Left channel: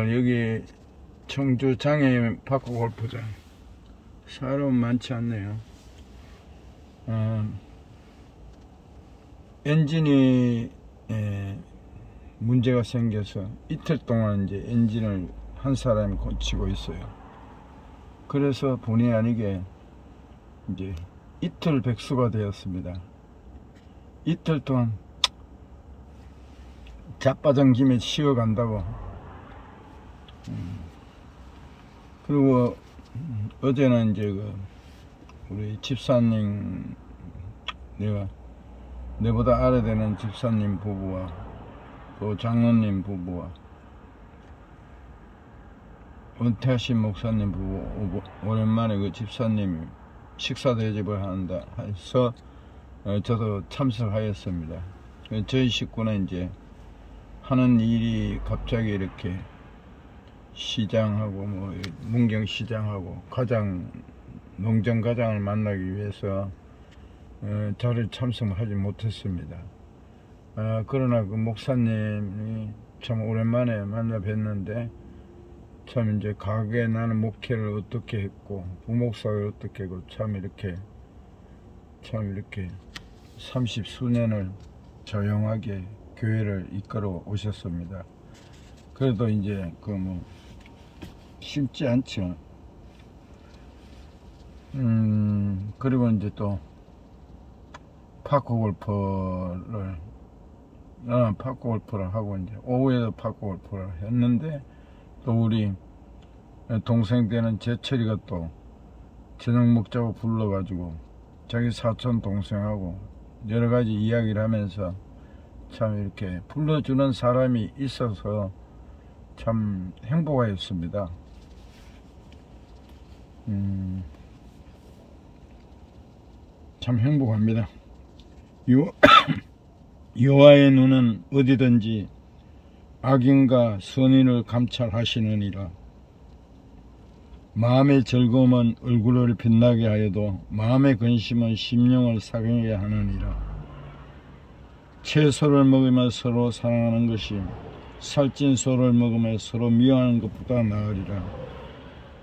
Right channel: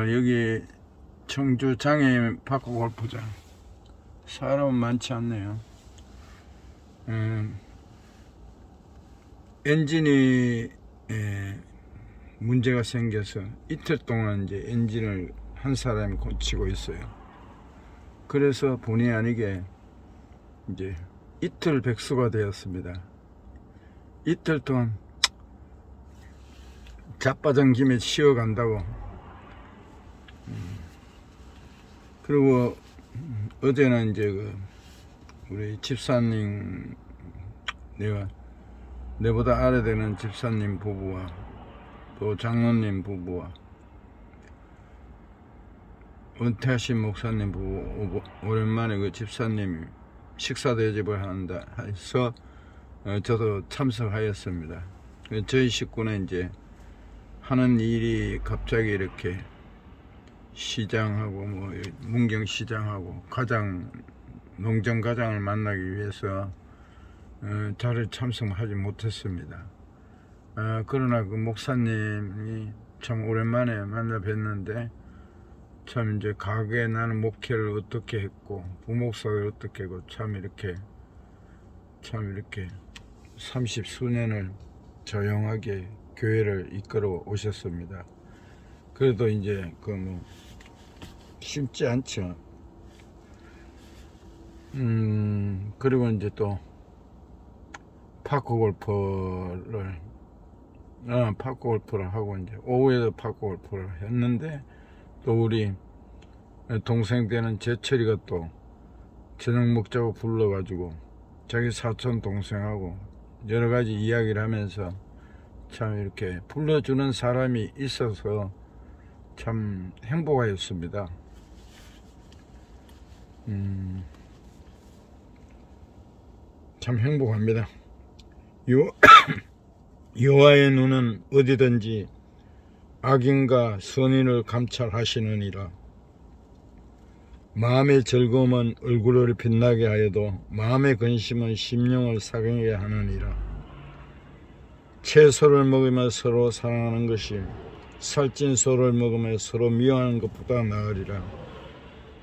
여기 청주 장애인 파크 골프장 사람은 많지 않네요. 엔진이 문제가 생겨서 이틀 동안 이제 엔진을 한 사람이 고치고 있어요. 그래서 본의 아니게 이제 이틀 백수가 되었습니다. 이틀 동안 자빠진 김에 쉬어간다고. 그리고 어제는 이제 우리 집사님, 내보다 아래 되는 집사님 부부와 또 장로님 부부와 은퇴하신 목사님 부부, 오랜만에 그 집사님이 식사 대접을 한다 해서 저도 참석하였습니다. 저희 식구는 이제 하는 일이 갑자기 이렇게 시장하고 뭐 문경시장하고 농정가장을 만나기 위해서 자리에 참석하지 못했습니다. 그러나 그 목사님이 참 오랜만에 만나 뵀는데 참 이제 가게 나는 목회를 어떻게 했고 부목사를 어떻게 했고 참 이렇게 30수년을 조용하게 교회를 이끌어 오셨습니다. 그래도 이제 쉽지 않죠. 그리고 이제 또 파크 골프를 하고 이제 오후에도 파크 골프를 했는데 또 우리 동생 되는 제철이가 또 저녁 먹자고 불러가지고 자기 사촌 동생하고 여러가지 이야기를 하면서 참 이렇게 불러주는 사람이 있어서 참 행복하였습니다. 참 행복합니다. 여호와의 눈은 어디든지 악인과 선인을 감찰하시느니라. 마음의 즐거움은 얼굴을 빛나게 하여도 마음의 근심은 심령을 상하게 하느니라. 채소를 먹으며 서로 사랑하는 것이 살찐 소를 먹으며 서로 미워하는 것보다 나으리라.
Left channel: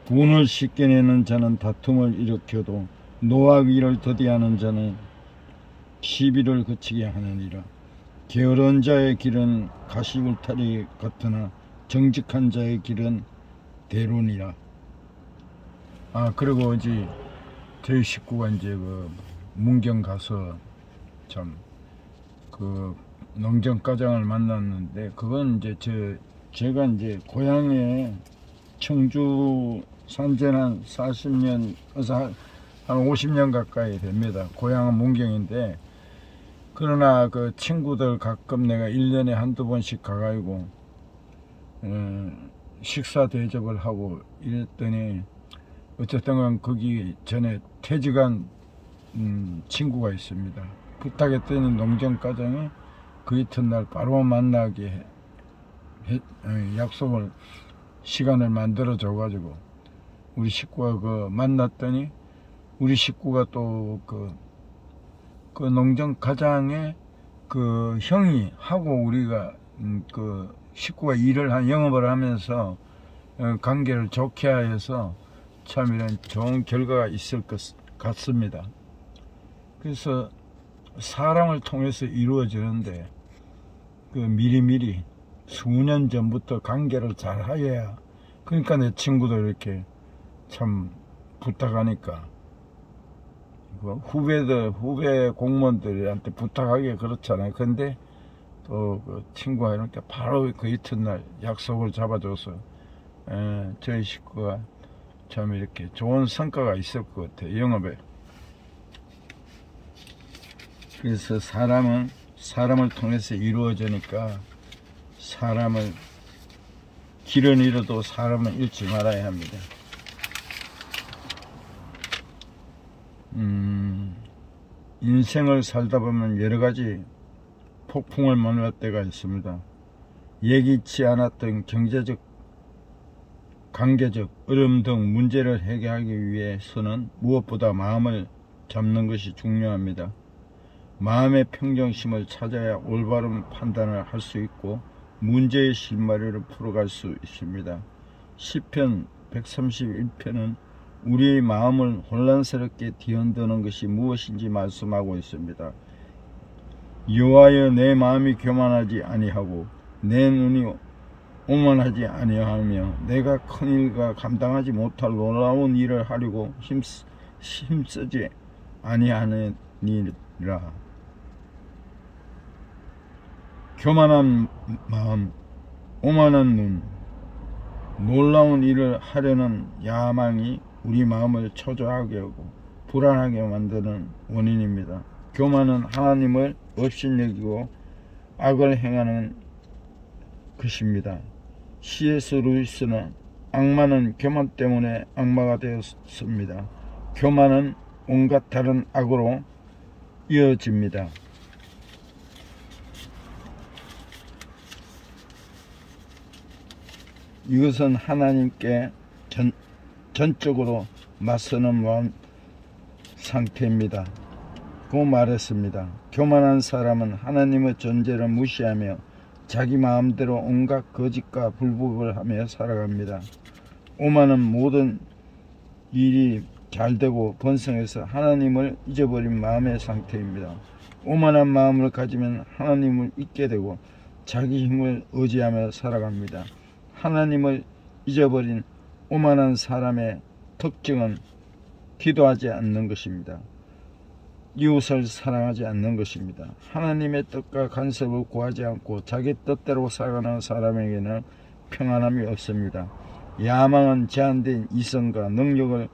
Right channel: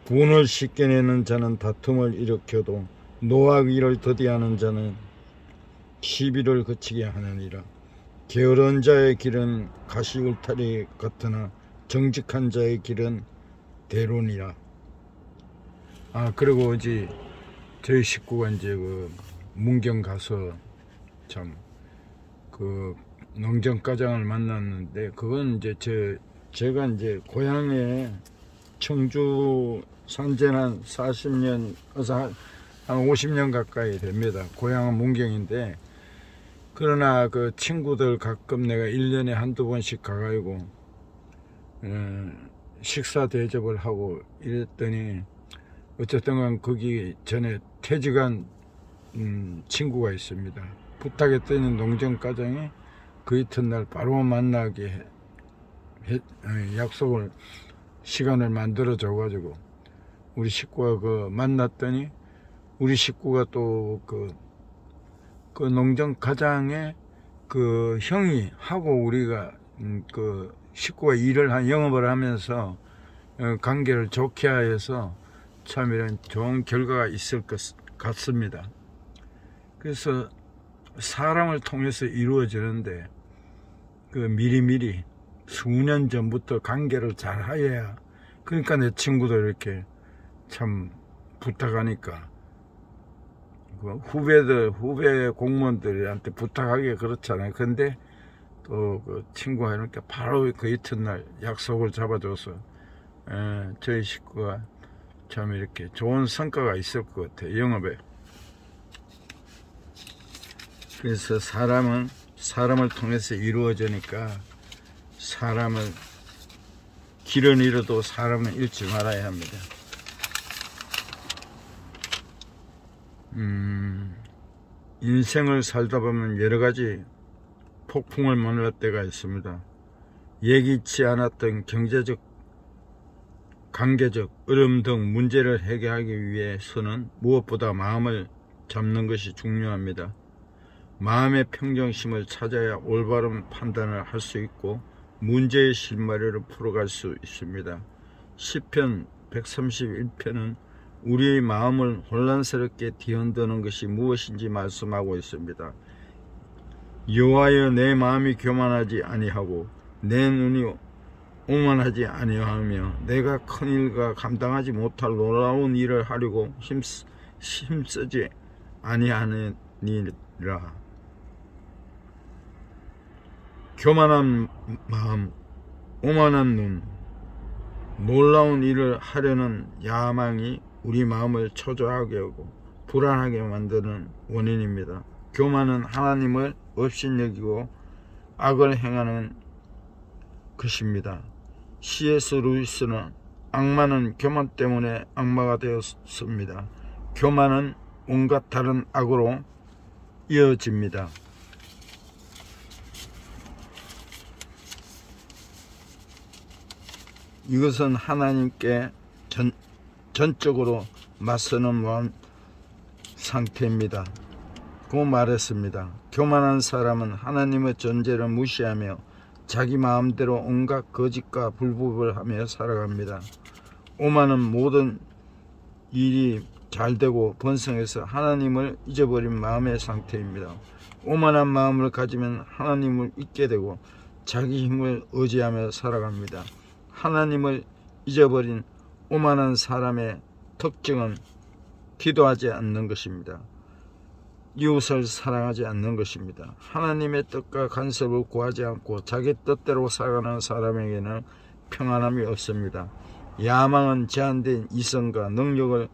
분을 쉽게 내는 자는 다툼을 일으켜도 노하기를 더디하는 자는 시비를 그치게 하느니라. 게으른 자의 길은 가시울타리 같으나 정직한 자의 길은 대론이라. 그리고 어제 저희 식구가 이제 문경 가서 참 농정가장을 만났는데, 그건 이제 제가 이제 고향에 청주 산지는 한 40년, 한 50년 가까이 됩니다. 고향은 문경인데, 그러나 그 친구들 가끔 내가 1년에 한두 번씩 가가지고 식사 대접을 하고 이랬더니, 어쨌든 거기 전에 퇴직한 친구가 있습니다. 부탁했더니 농정가정에 그 이튿날 바로 만나게 약속을 시간을 만들어 줘 가지고 우리 식구가 만났더니, 우리 식구가 또 그 농정가장의 그 형이 하고 우리가 식구가 영업을 하면서 관계를 좋게 하여서 참 이런 좋은 결과가 있을 것 같습니다. 그래서 사람을 통해서 이루어지는데 미리미리 수년 전부터 관계를 잘 하여야, 그러니까 내 친구들 이렇게 참 부탁하니까 후배 공무원들한테 부탁하기 그렇잖아요. 근데 또 그 친구가 이렇게 바로 그 이튿날 약속을 잡아줘서 저희 식구가 참 이렇게 좋은 성과가 있을 것 같아요, 영업에. 그래서 사람을 통해서 이루어지니까 길은 잃어도 사람은 잃지 말아야 합니다. 인생을 살다 보면 여러가지 폭풍을 만날 때가 있습니다. 예기치 않았던 경제적, 관계적 어려움 등 문제를 해결하기 위해서는 무엇보다 마음을 잡는 것이 중요합니다. 마음의 평정심을 찾아야 올바른 판단을 할 수 있고 문제의 실마리를 풀어갈 수 있습니다. 시편 131편은 우리의 마음을 혼란스럽게 뒤흔드는 것이 무엇인지 말씀하고 있습니다. 여호와여, 내 마음이 교만하지 아니하고 내 눈이 오만하지 아니하며 내가 큰 일과 감당하지 못할 놀라운 일을 하려고 힘쓰지 아니하느니라. 교만한 마음, 오만한 눈, 놀라운 일을 하려는 야망이 우리 마음을 초조하게 하고 불안하게 만드는 원인입니다. 교만은 하나님을 업신여기고 악을 행하는 것입니다. C.S. 루이스는 악마는 교만 때문에 악마가 되었습니다. 교만은 온갖 다른 악으로 이어집니다. 이것은 하나님께 전적으로 맞서는 상태입니다. 고 말했습니다. 교만한 사람은 하나님의 존재를 무시하며 자기 마음대로 온갖 거짓과 불법을 하며 살아갑니다. 오만은 모든 일이 잘되고 번성해서 하나님을 잊어버린 마음의 상태입니다. 오만한 마음을 가지면 하나님을 잊게 되고 자기 힘을 의지하며 살아갑니다. 하나님을 잊어버린 오만한 사람의 특징은 기도하지 않는 것입니다. 이웃을 사랑하지 않는 것입니다. 하나님의 뜻과 간섭을 구하지 않고 자기 뜻대로 살아가는 사람에게는 평안함이 없습니다. 야망은 제한된 이성과 능력을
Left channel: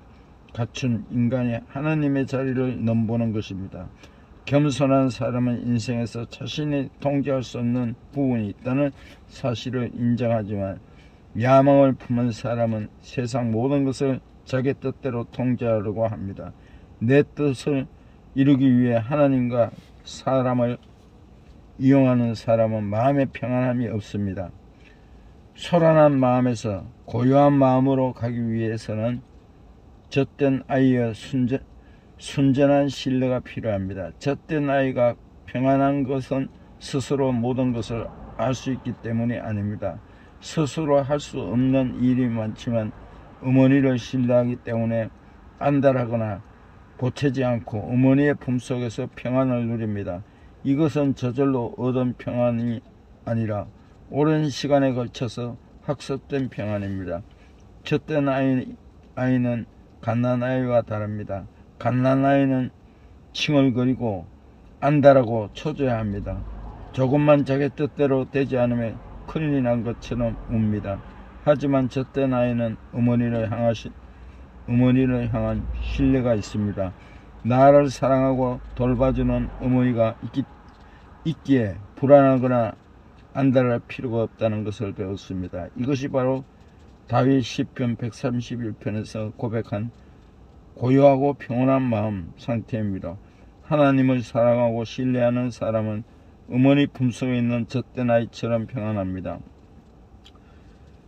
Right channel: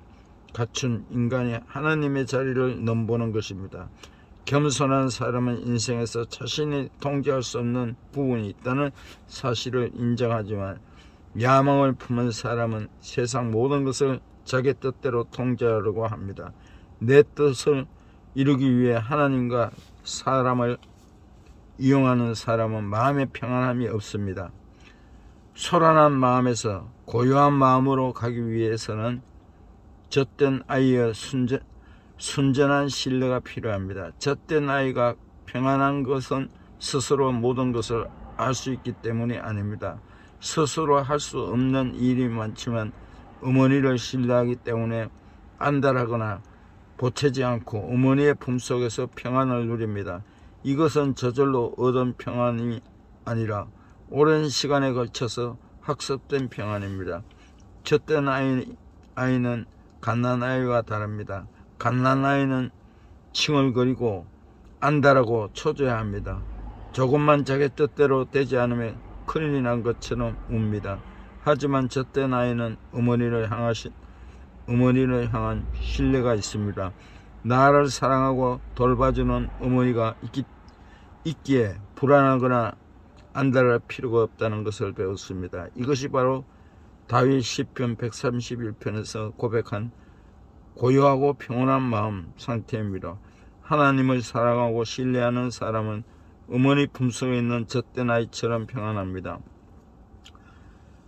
갖춘 인간이 하나님의 자리를 넘보는 것입니다. 겸손한 사람은 인생에서 자신이 통제할 수 없는 부분이 있다는 사실을 인정하지만 야망을 품은 사람은 세상 모든 것을 자기 뜻대로 통제하려고 합니다. 내 뜻을 이루기 위해 하나님과 사람을 이용하는 사람은 마음에 평안함이 없습니다. 소란한 마음에서 고요한 마음으로 가기 위해서는 젖된 아이의 순전한 신뢰가 필요합니다. 젖된 아이가 평안한 것은 스스로 모든 것을 알 수 있기 때문이 아닙니다. 스스로 할 수 없는 일이 많지만 어머니를 신뢰하기 때문에 안달하거나 보채지 않고 어머니의 품속에서 평안을 누립니다. 이것은 저절로 얻은 평안이 아니라 오랜 시간에 걸쳐서 학습된 평안입니다. 젖된 아이는 갓난아이와 다릅니다. 갓난아이는 칭얼거리고 안달하고 초조해합니다. 조금만 자기 뜻대로 되지 않으면 큰일이 난 것처럼 웁니다. 하지만 젖된 아이는 어머니를 향한 신뢰가 있습니다. 나를 사랑하고 돌봐주는 어머니가 있기에 불안하거나 안달할 필요가 없다는 것을 배웠습니다. 이것이 바로 다윗 시편 131편에서 고백한 고요하고 평온한 마음 상태입니다. 하나님을 사랑하고 신뢰하는 사람은 어머니 품속에 있는 젖된 아이처럼 평안합니다.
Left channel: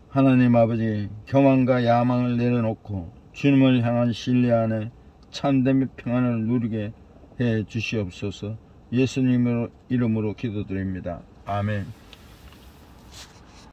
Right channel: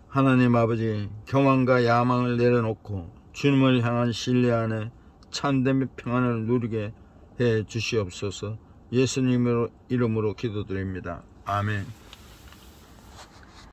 하나님 아버지, 교만과 야망을 내려놓고 주님을 향한 신뢰 안에 참된 평안을 누리게 해 주시옵소서. 예수님의 이름으로 기도드립니다. 아멘.